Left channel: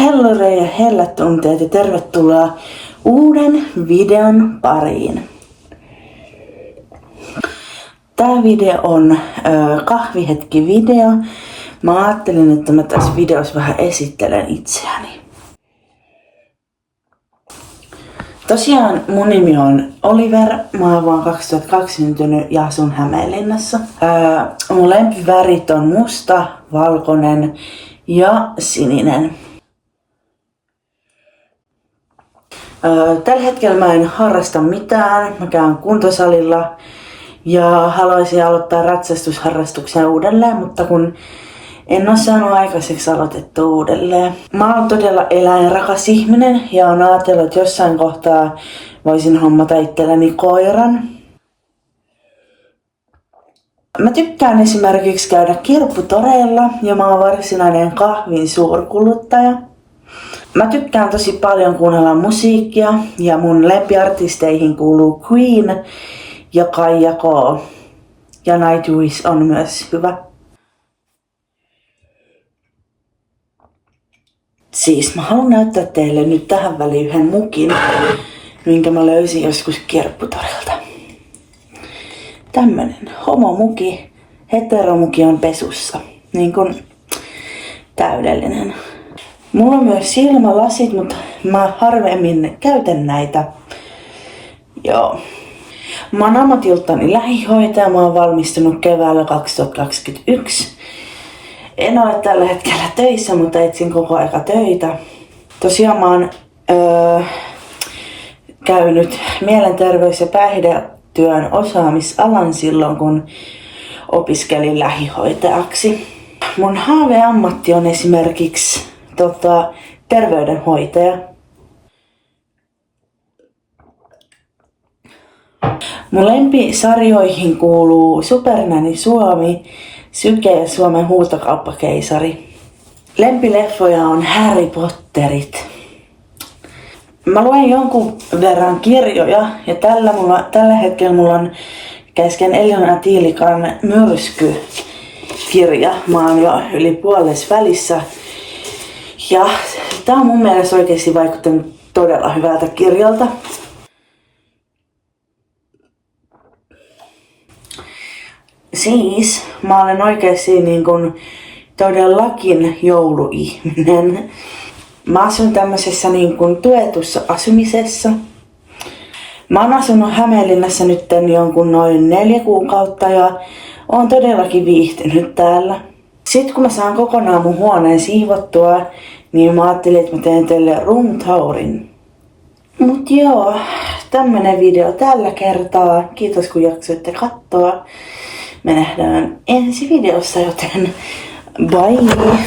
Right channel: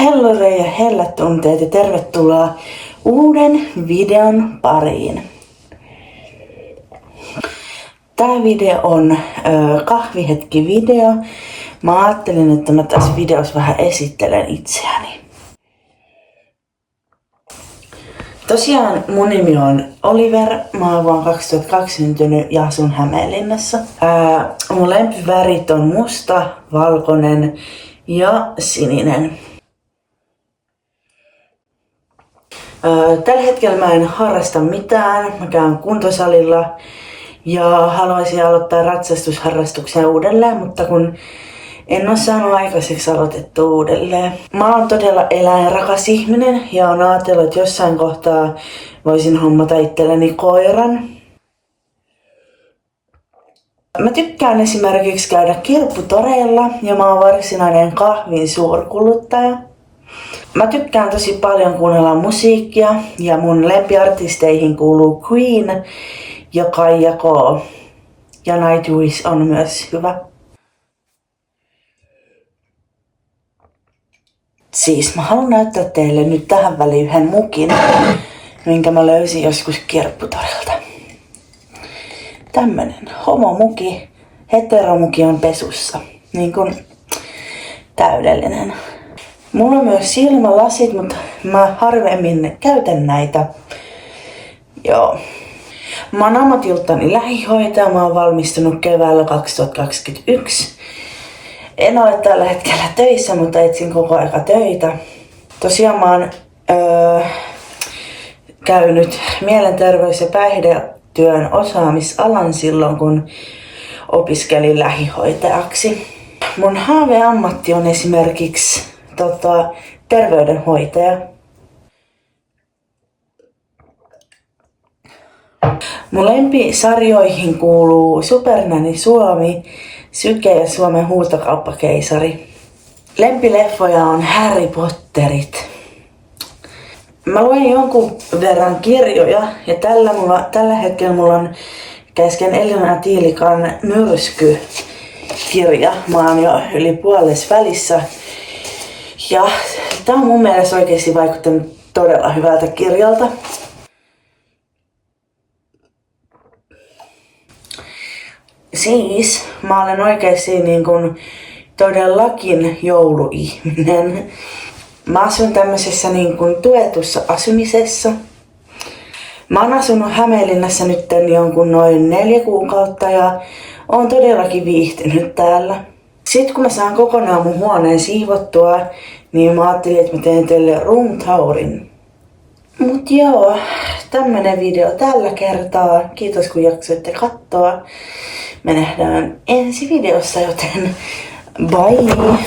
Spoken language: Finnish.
Hellore ja hellätunteet ja tervetuloa uuden videon pariin. Tää video on kahvihetki-video. Mä ajattelin, että mä tässä videossa vähän esittelen itseäni. Tosiaan mun nimi on Oliver, mä oon vuonna 2002 syntynyt ja asun Hämeenlinnassa. Mun lempivärit on musta, valkoinen ja sininen. Tällä hetkellä mä en harrasta mitään, mä käyn kuntosalilla ja haluaisin aloittaa ratsastusharrastuksen uudelleen, mutta kun en ole saanut aikaiseksi aloitettua uudelleen. Mä oon todella eläinrakas ihminen ja oon ajatellut, että jossain kohtaa voisin hommata itselleni koiran. Mä tykkään esimerkiksi käydä kirpputoreilla ja mä oon varsinainen kahvin suurkuluttaja. Mä tykkään tosi paljon kuunnella musiikkia ja mun lempiartisteihin kuuluu Queen ja Kaija K. Ja Nightwish on myös hyvä. Siis mä haluan näyttää teille nyt tähän väliin yhden mukin, minkä mä löysin joskus kirpputorilta. Tämmönen homomuki, heteromuki on pesussa. Niin kun täydellinen. Mulla on myös silmälasit, mutta mä harvemmin käytän näitä. Joo. Mä oon ammatiltani lähihoitaja, mä oon valmistunut keväällä 2021. En ole tällä hetkellä töissä, mutta etsin koko aika töitä. Tosiaan mä oon käynyt mielenterveys- ja päihdetyön osaamisalan silloin, kun opiskelin lähihoitajaksi. Mun haaveammatti on esimerkiksi terveydenhoitaja. Mun lempisarjoihin kuuluu Supernanny Suomi, Syke ja Suomen huutokauppakeisari. Lempileffoja on Harry Potterit. Mä luen jonkun verran kirjoja ja tällä hetkellä mulla on kesken Elina Tiilikan Myrsky-kirja. Mä oon jo yli puolessa välissä. Ja tää on mun mielestä oikeesti vaikuttanut todella hyvältä kirjalta. Siis mä olen oikeesti niin kun todellakin jouluihminen. Mä asun tämmöisessä niin kun tuetussa asumisessa. Mä oon asunut Hämeenlinnassa nyt jonkun noin 4 kuukautta ja oon todellakin viihtynyt täällä. Sitten kun mä saan kokonaan mun huoneen siivottua, niin mä ajattelin, että mä teen teille room tourin. Mut joo, tämmönen video tällä kertaa. Kiitos kun jaksoitte katsoa. Me nähdään ensi videossa, joten bye!